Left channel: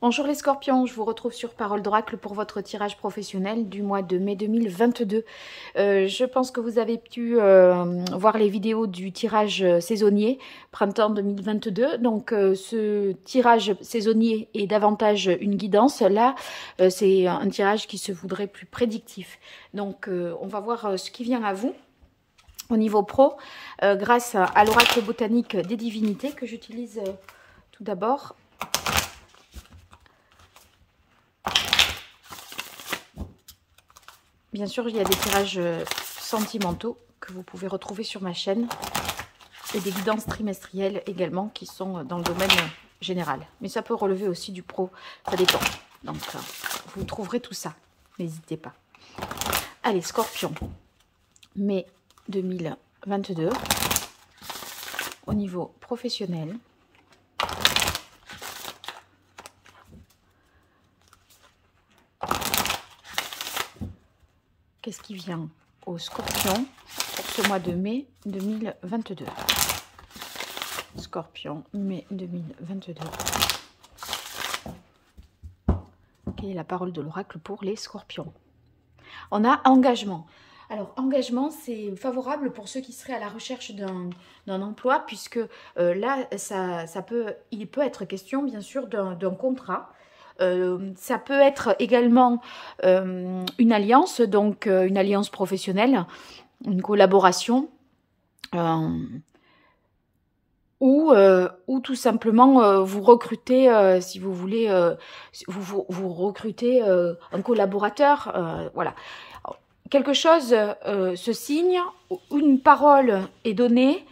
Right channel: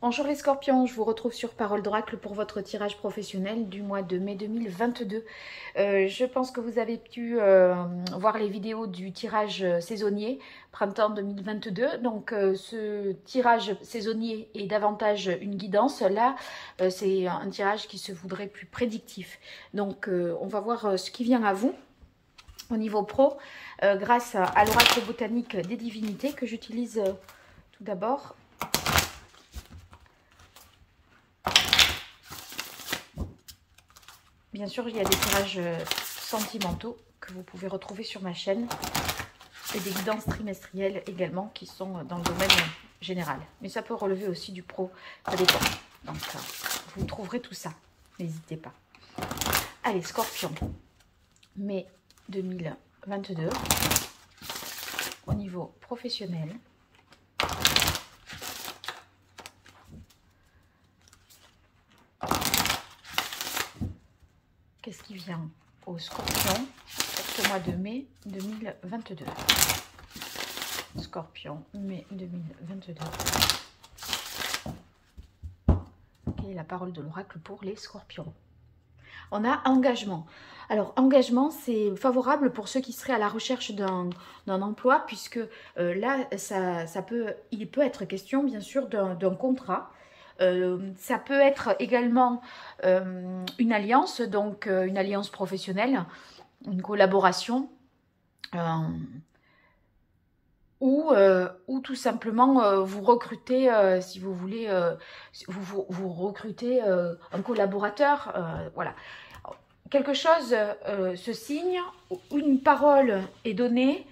Bonjour les scorpions, je vous retrouve sur Parole d'Oracle pour votre tirage professionnel du mois de mai 2022. Je pense que vous avez pu voir les vidéos du tirage saisonnier printemps 2022. Donc ce tirage saisonnier est davantage une guidance. Là, c'est un tirage qui se voudrait plus prédictif. Donc on va voir ce qui vient à vous au niveau pro grâce à l'oracle botanique des divinités que j'utilise tout d'abord. Bien sûr, il y a des tirages sentimentaux que vous pouvez retrouver sur ma chaîne et des guidances trimestrielles également qui sont dans le domaine général. Mais ça peut relever aussi du pro, ça dépend. Donc, vous trouverez tout ça, n'hésitez pas. Allez, Scorpion, mai 2022, au niveau professionnel. Qu'est-ce qui vient au Scorpion pour ce mois de mai 2022? Scorpion, mai 2022. Quelle est la parole de l'oracle pour les scorpions? On a engagement. Alors, engagement, c'est favorable pour ceux qui seraient à la recherche d'un emploi, puisque là, il peut être question, bien sûr, d'un contrat. Ça peut être également une alliance, donc une alliance professionnelle, une collaboration, ou tout simplement vous recrutez, si vous voulez, vous recrutez un collaborateur, voilà. Quelque chose se signe, une parole est donnée,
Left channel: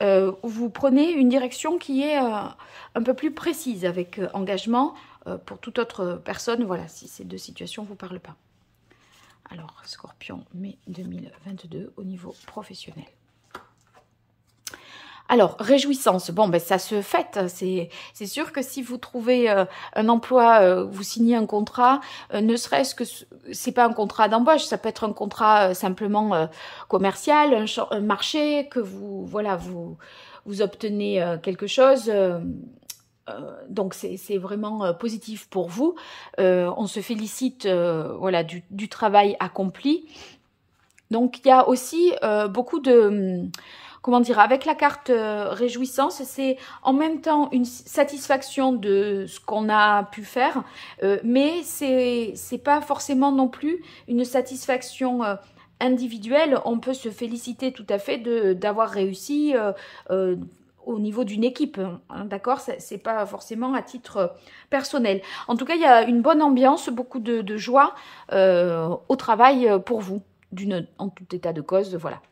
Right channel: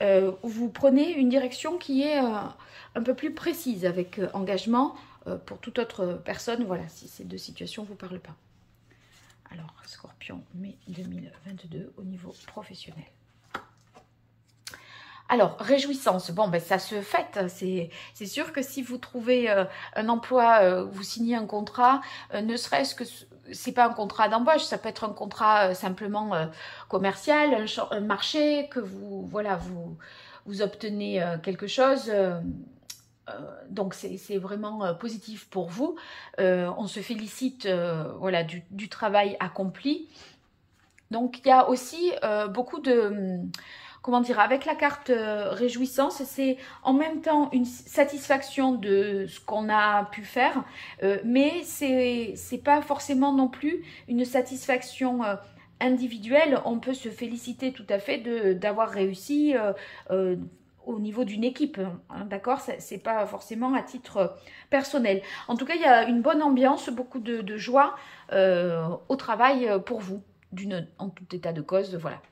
vous prenez une direction qui est un peu plus précise avec engagement. Pour toute autre personne, voilà, si ces deux situations ne vous parlent pas. Alors, Scorpion, mai 2022, au niveau professionnel. Alors, réjouissance, bon, ben ça se fête, c'est sûr que si vous trouvez un emploi, vous signez un contrat, ne serait-ce que, c'est pas un contrat d'embauche, ça peut être un contrat simplement commercial, un marché, que vous, voilà, vous obtenez quelque chose, donc c'est vraiment positif pour vous. On se félicite voilà, du travail accompli. Donc il y a aussi beaucoup de, comment dire, avec la carte réjouissance, c'est en même temps une satisfaction de ce qu'on a pu faire, mais c'est pas forcément non plus une satisfaction individuelle. On peut se féliciter tout à fait d'avoir réussi au niveau d'une équipe, hein, d'accord? C'est pas forcément à titre personnel. En tout cas, il y a une bonne ambiance, beaucoup de joie au travail pour vous, en tout état de cause, voilà.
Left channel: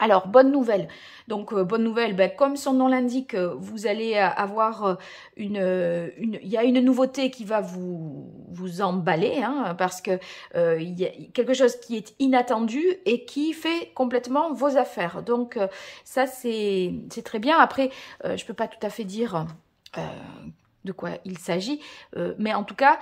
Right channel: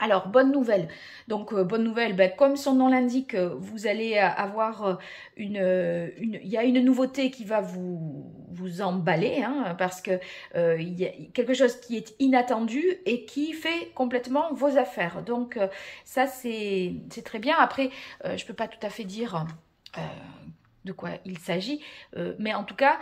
Alors, bonne nouvelle. Donc, bonne nouvelle, ben, comme son nom l'indique, vous allez avoir il y a une nouveauté qui va vous emballer, hein, parce que il y a quelque chose qui est inattendu et qui fait complètement vos affaires. Donc, ça, c'est très bien. Après, je ne peux pas tout à fait dire de quoi il s'agit, mais en tout cas,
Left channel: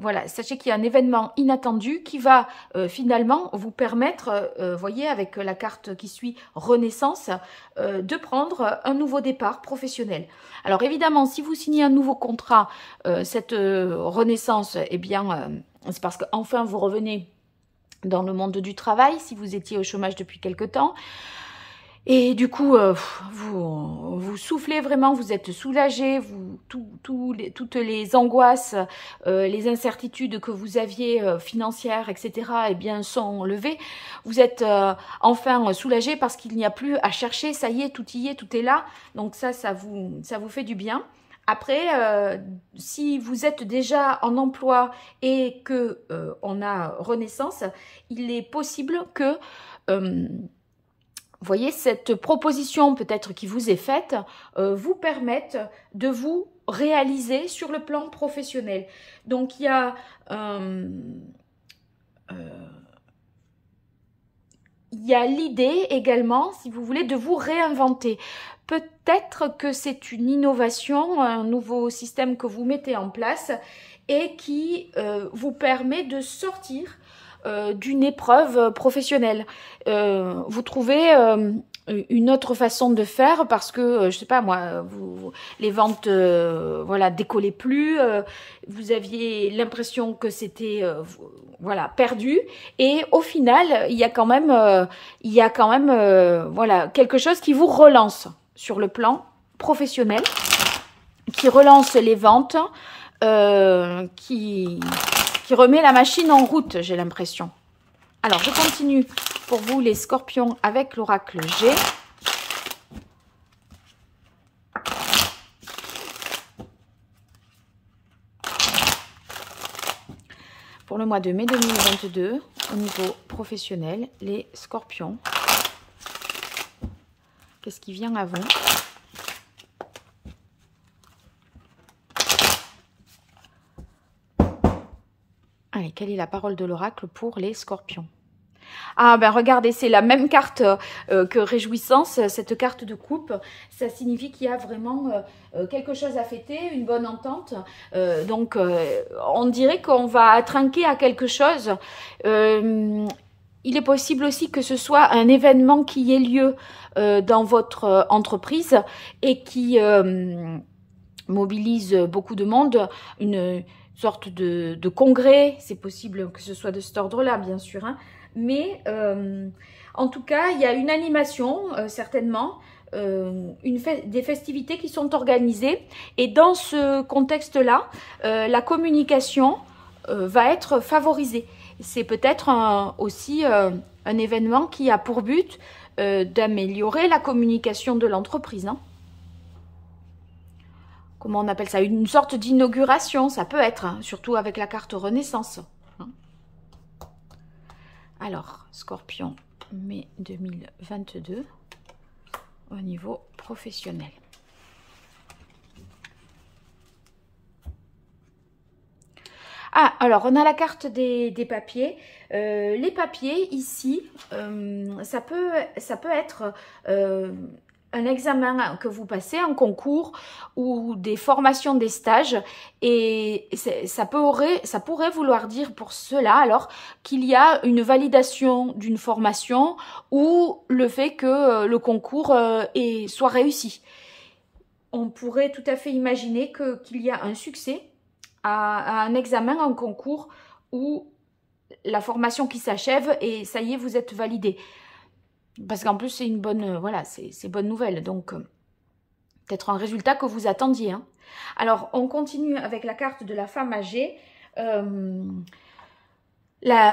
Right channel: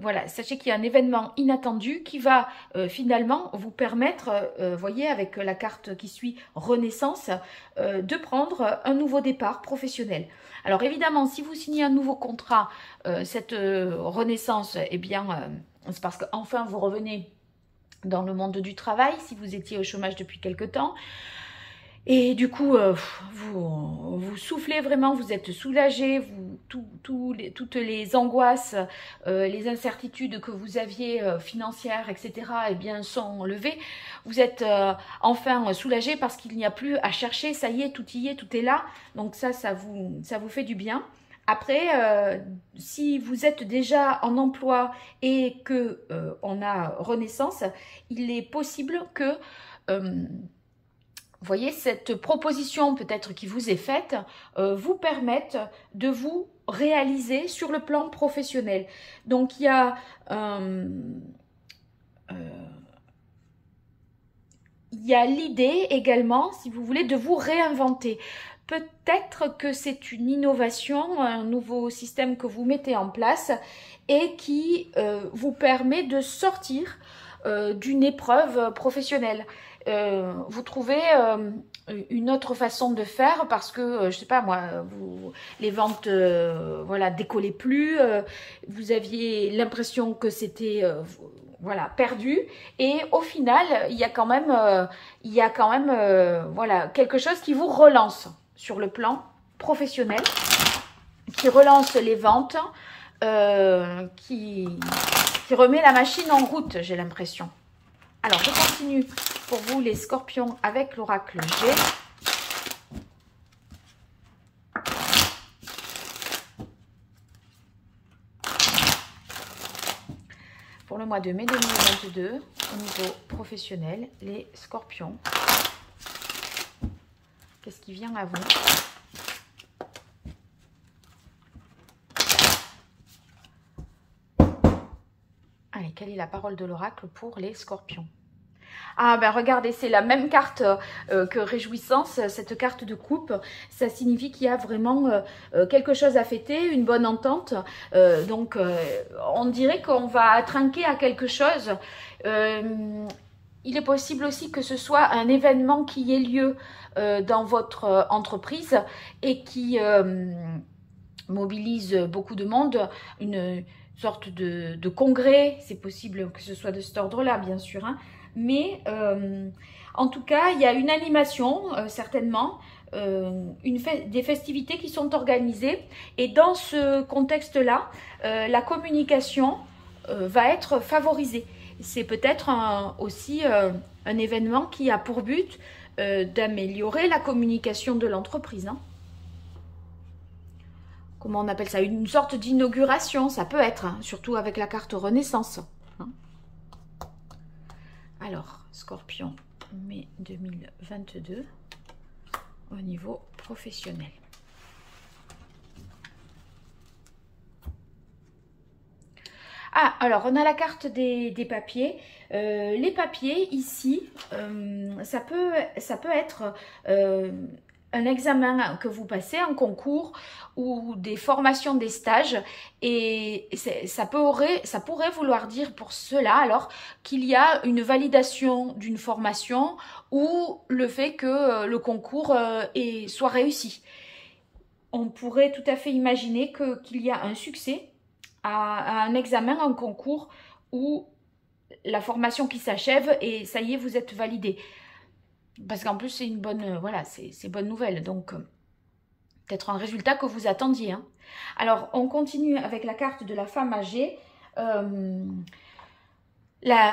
voilà, sachez qu'il y a un événement inattendu qui va finalement vous permettre, voyez, avec la carte qui suit Renaissance, de prendre un nouveau départ professionnel. Alors évidemment, si vous signez un nouveau contrat, cette Renaissance, eh bien, c'est parce qu'enfin vous revenez dans le monde du travail, si vous étiez au chômage depuis quelque temps. Et du coup, vous soufflez vraiment, vous êtes soulagé, toutes les angoisses, les incertitudes que vous aviez financières, etc., eh bien, sont levées. Vous êtes enfin soulagé parce qu'il n'y a plus à chercher, ça y est, tout est là. Donc ça vous fait du bien. Après, si vous êtes déjà en emploi et que on a Renaissance, il est possible que vous voyez, cette proposition peut-être qui vous est faite vous permette de vous réaliser sur le plan professionnel. Donc, il y a l'idée également, si vous voulez, de vous réinventer. Peut-être que c'est une innovation, un nouveau système que vous mettez en place et qui vous permet de sortir d'une épreuve professionnelle. Vous trouvez une autre façon de faire parce que, je sais pas moi, les ventes, voilà, décollaient plus, vous aviez l'impression que c'était, voilà, perdu. Et au final, il y a quand même, voilà, quelque chose qui vous relance sur le plan professionnel, qui relance les ventes, qui remet la machine en route, j'ai l'impression. Alors, je continue pour vous les scorpions avec l'oracle G. Pour le mois de mai 2022, au niveau professionnel, les scorpions. Qu'est-ce qui vient à vous? Allez, quelle est la parole de l'oracle pour les scorpions? Ah ben regardez, c'est la même carte que réjouissance, cette carte de coupe. Ça signifie qu'il y a vraiment quelque chose à fêter, une bonne entente. Donc on dirait qu'on va trinquer à quelque chose. Il est possible aussi que ce soit un événement qui ait lieu dans votre entreprise et qui mobilise beaucoup de monde, une sorte de congrès. C'est possible que ce soit de cet ordre-là, bien sûr, hein. Mais en tout cas, il y a une animation, certainement, des festivités qui sont organisées. Et dans ce contexte-là, la communication va être favorisée. C'est peut-être aussi un événement qui a pour but d'améliorer la communication de l'entreprise, hein. Comment on appelle ça? Une sorte d'inauguration, ça peut être, hein, surtout avec la carte Renaissance. Alors, Scorpion, mai 2022, au niveau professionnel. Ah, alors, on a la carte des papiers. Les papiers, ici, ça peut être un examen que vous passez, un concours ou des formations, des stages, et ça pourrait vouloir dire pour cela alors qu'il y a une validation d'une formation ou le fait que le concours soit réussi. On pourrait tout à fait imaginer qu'il y a un succès à un examen, un concours ou la formation qui s'achève et ça y est, vous êtes validé. Parce qu'en plus, c'est une bonne, voilà, c'est bonne nouvelle. Donc, peut-être un résultat que vous attendiez, hein. Alors, on continue avec la carte de la femme âgée.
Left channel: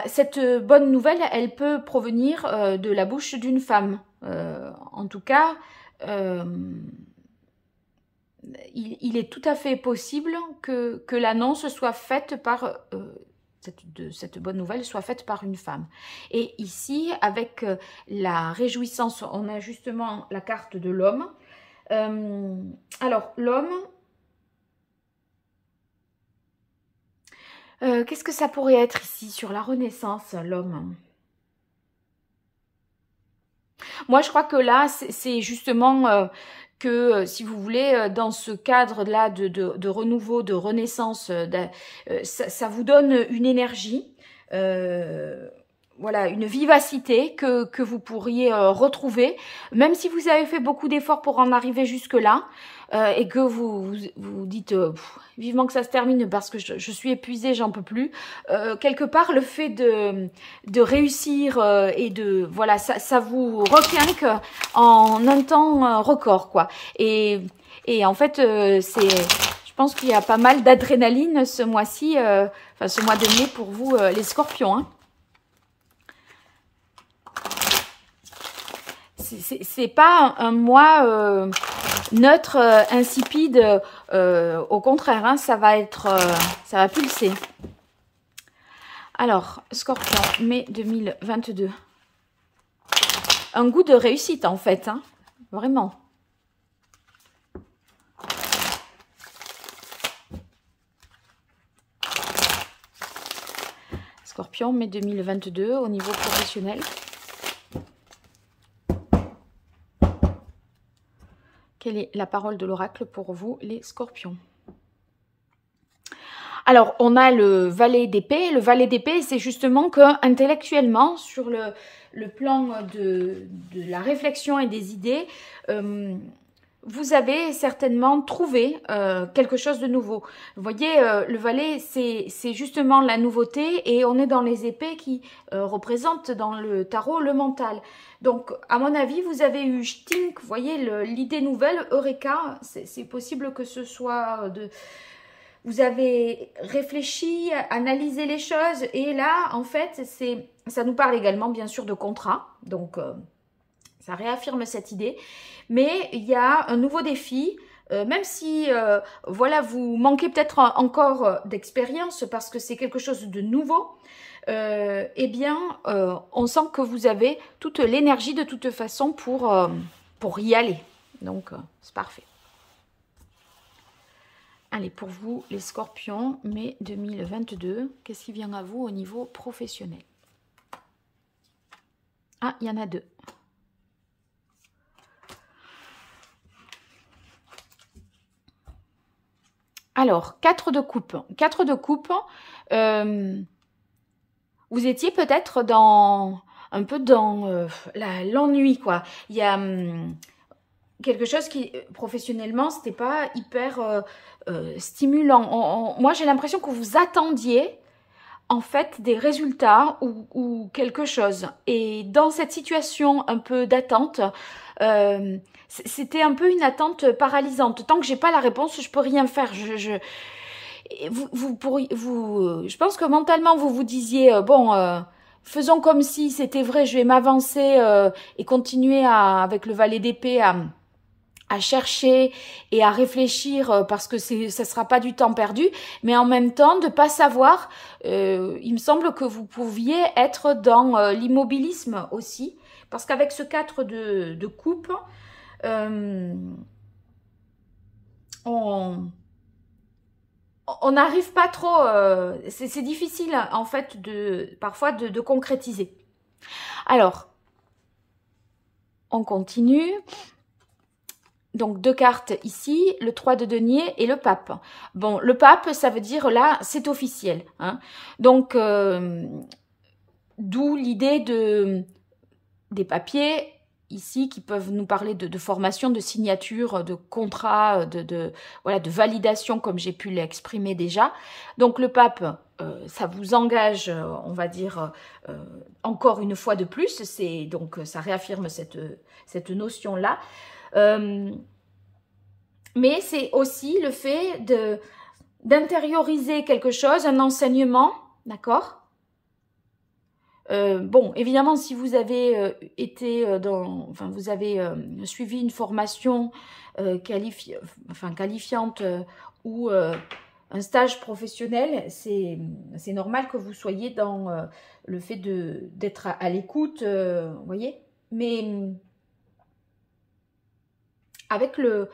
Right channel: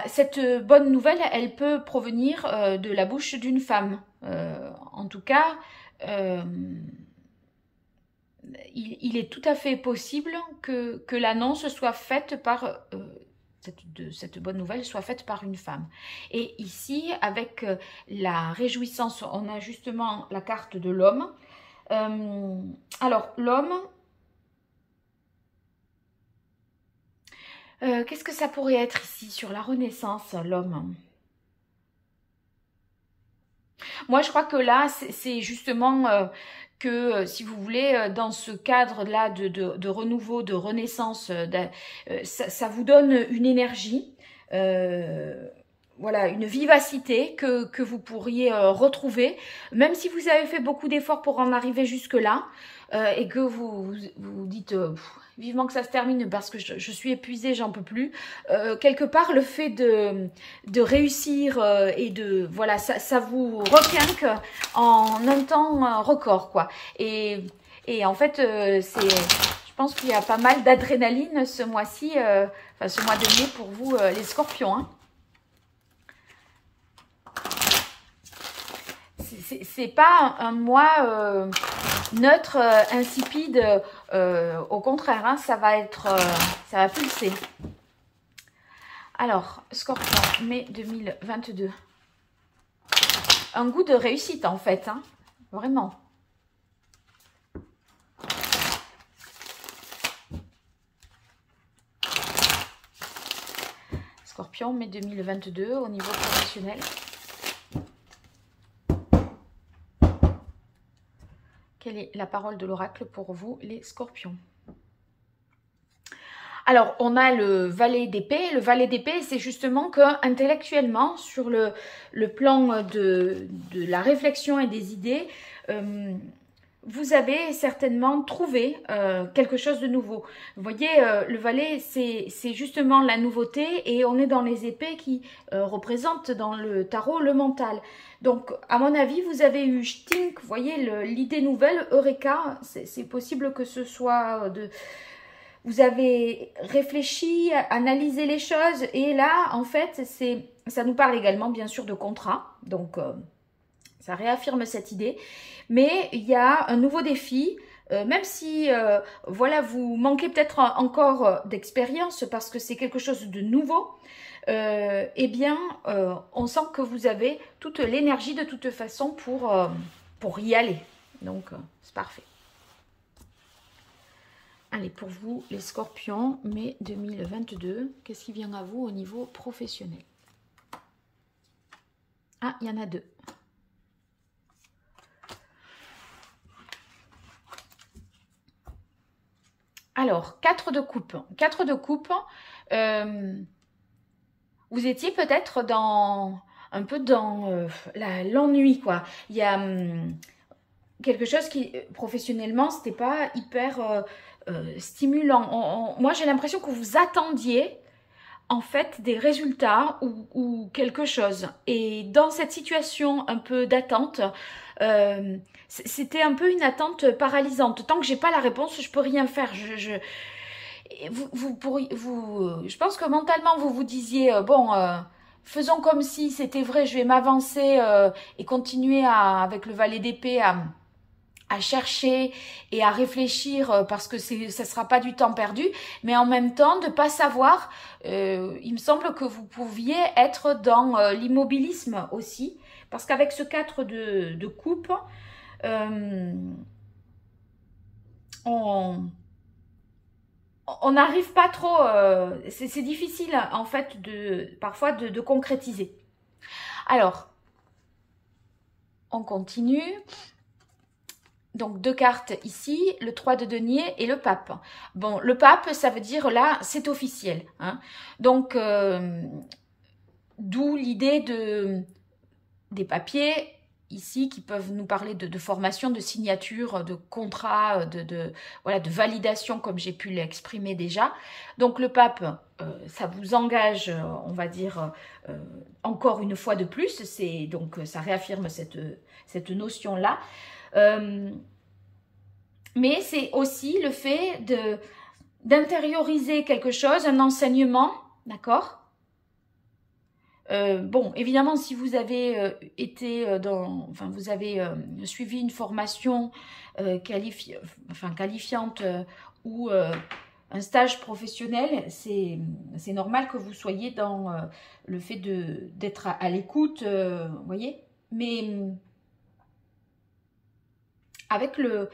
Cette bonne nouvelle, elle peut provenir de la bouche d'une femme. En tout cas, il est tout à fait possible que l'annonce soit faite par... cette bonne nouvelle soit faite par une femme. Et ici, avec la réjouissance, on a justement la carte de l'homme. Alors, l'homme, qu'est-ce que ça pourrait être ici sur la Renaissance, l'homme? Moi, je crois que là, c'est justement... que si vous voulez, dans ce cadre-là de renouveau, de renaissance, ça vous donne une énergie, voilà, une vivacité que vous pourriez retrouver, même si vous avez fait beaucoup d'efforts pour en arriver jusque-là, et que vous dites vivement que ça se termine parce que je suis épuisée, j'en peux plus. Quelque part, le fait de réussir et de voilà, ça vous requinque en un temps record, quoi. Et en fait, je pense qu'il y a pas mal d'adrénaline ce mois-ci, enfin ce mois de mai pour vous, les Scorpions, hein. C'est pas un mois neutre, insipide, au contraire, hein, ça va pulser. Alors, Scorpion, mai 2022. Un goût de réussite en fait, hein, vraiment. Scorpion, mai 2022, au niveau professionnel. Quelle est la parole de l'oracle pour vous, les Scorpions? Alors, on a le valet d'épée. Le valet d'épée, c'est justement que intellectuellement, sur le plan de la réflexion et des idées, vous avez certainement trouvé quelque chose de nouveau. Vous voyez, le valet, c'est justement la nouveauté et on est dans les épées qui représentent dans le tarot le mental. Donc, à mon avis, vous avez eu Stink, vous voyez, l'idée nouvelle, Eureka, c'est possible que ce soit de... Vous avez réfléchi, analysé les choses et là, en fait, ça nous parle également, bien sûr, de contrat. Donc, ça réaffirme cette idée. Mais il y a un nouveau défi, même si, voilà, vous manquez peut-être encore d'expérience parce que c'est quelque chose de nouveau. Eh bien, on sent que vous avez toute l'énergie de toute façon pour y aller. Donc, c'est parfait. Allez, pour vous, les scorpions, mai 2022, qu'est-ce qui vient à vous au niveau professionnel? Ah, il y en a deux. Alors, 4 de coupe. 4 de coupe, vous étiez peut-être un peu dans l'ennui, quoi. Il y a quelque chose qui, professionnellement, c'était pas hyper stimulant. Moi, j'ai l'impression que vous attendiez, en fait, des résultats ou quelque chose. Et dans cette situation un peu d'attente, c'était un peu une attente paralysante. Tant que j'ai pas la réponse, je peux rien faire. Je pense que mentalement, vous vous disiez, bon, faisons comme si c'était vrai, je vais m'avancer et continuer avec le valet d'épée à chercher et à réfléchir parce que ça ne sera pas du temps perdu, mais en même temps, de ne pas savoir, il me semble que vous pouviez être dans l'immobilisme aussi, parce qu'avec ce 4 de coupe, on n'arrive pas trop, c'est difficile en fait parfois de concrétiser. Alors, on continue. Donc, 2 cartes ici, le 3 de denier et le pape. Bon, le pape, ça veut dire là, c'est officiel. Hein. Donc, d'où l'idée des papiers ici qui peuvent nous parler de formation, de signature, de contrat, voilà, de validation comme j'ai pu l'exprimer déjà. Donc, le pape, ça vous engage, on va dire, encore une fois de plus. Donc, ça réaffirme cette notion-là. Mais c'est aussi le fait d'intérioriser quelque chose, un enseignement, d'accord? Bon, évidemment, si vous avez vous avez suivi une formation qualifiante ou un stage professionnel, c'est normal que vous soyez dans le fait d'être à l'écoute, vous voyez? Mais avec le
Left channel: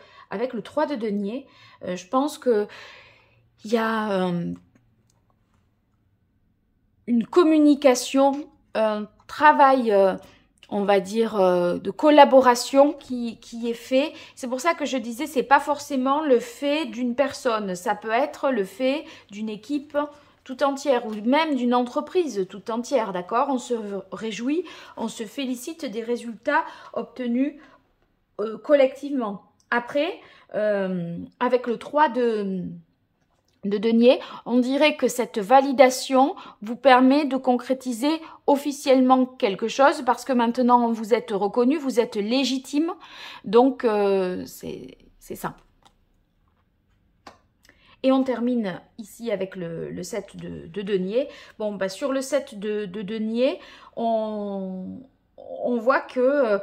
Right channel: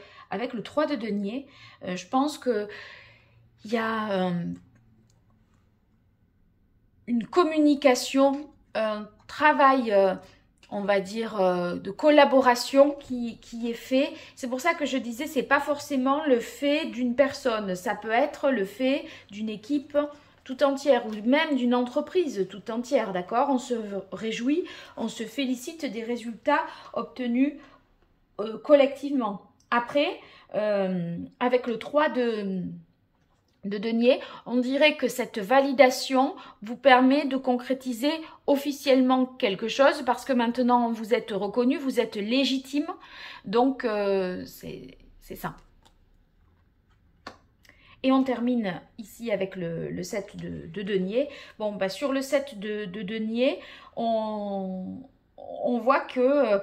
3 de denier, je pense qu'il y a une communication, un travail, on va dire, de collaboration qui est fait. C'est pour ça que je disais, c'est pas forcément le fait d'une personne, ça peut être le fait d'une équipe tout entière ou même d'une entreprise tout entière, d'accord? On se réjouit, on se félicite des résultats obtenus collectivement. Après, avec le 3 de denier, on dirait que cette validation vous permet de concrétiser officiellement quelque chose parce que maintenant vous êtes reconnu, vous êtes légitime. Donc, c'est ça. Et on termine ici avec le 7 de denier. Bon, bah, sur le 7 de denier, on voit que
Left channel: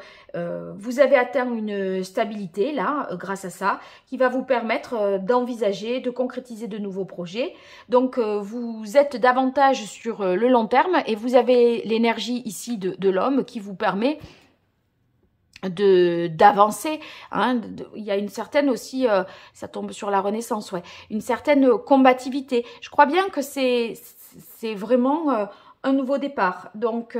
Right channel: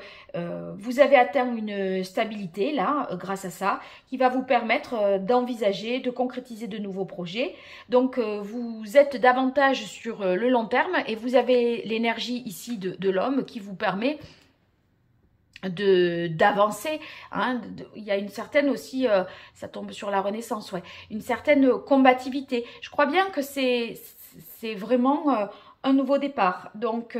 vous avez atteint une stabilité, là, grâce à ça, qui va vous permettre d'envisager, de concrétiser de nouveaux projets. Donc, vous êtes davantage sur le long terme et vous avez l'énergie ici de l'homme qui vous permet d'avancer. Hein. Il y a une certaine aussi, ça tombe sur la Renaissance, ouais, une certaine combativité. Je crois bien que c'est vraiment un nouveau départ. Donc,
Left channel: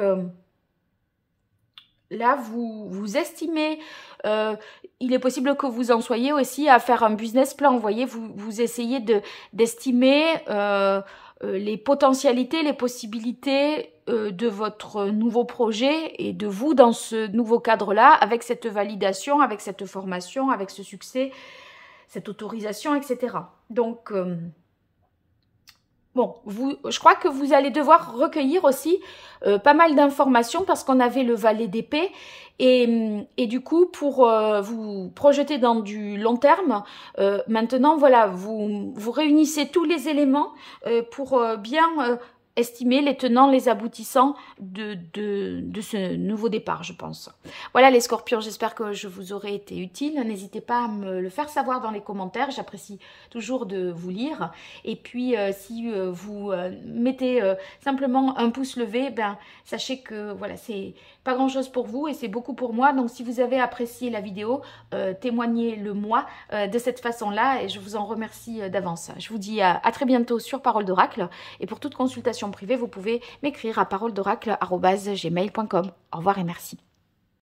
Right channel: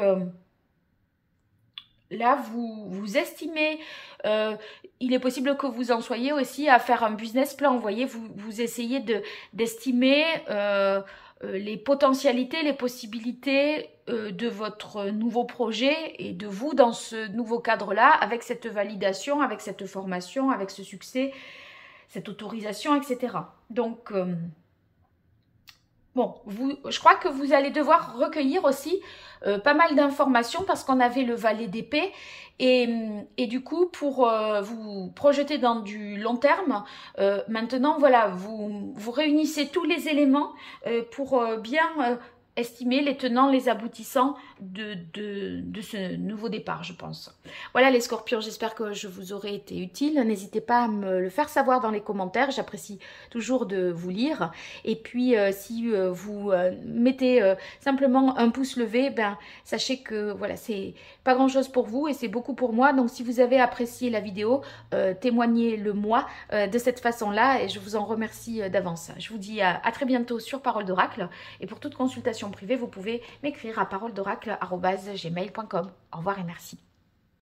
là, vous estimez, il est possible que vous en soyez aussi à faire un business plan. Vous voyez, vous essayez d'estimer les potentialités, les possibilités de votre nouveau projet et de vous dans ce nouveau cadre-là, avec cette validation, avec cette formation, avec ce succès, cette autorisation, etc. Donc, bon, je crois que vous allez devoir recueillir aussi pas mal d'informations parce qu'on avait le valet d'épée et du coup, pour vous projeter dans du long terme, maintenant, voilà, vous réunissez tous les éléments pour bien estimer les tenants, les aboutissants de ce nouveau départ, je pense. Voilà les scorpions, j'espère que je vous aurai été utile. N'hésitez pas à me le faire savoir dans les commentaires, j'apprécie toujours de vous lire. Et puis, si vous mettez simplement un pouce levé, ben, sachez que voilà, c'est pas grand-chose pour vous et c'est beaucoup pour moi. Donc, si vous avez apprécié la vidéo, témoignez-le moi de cette façon-là et je vous en remercie d'avance. Je vous dis à très bientôt sur Parole d'Oracle et pour toute consultation privée, vous pouvez m'écrire à paroledoracle@gmail.com. Au revoir et merci.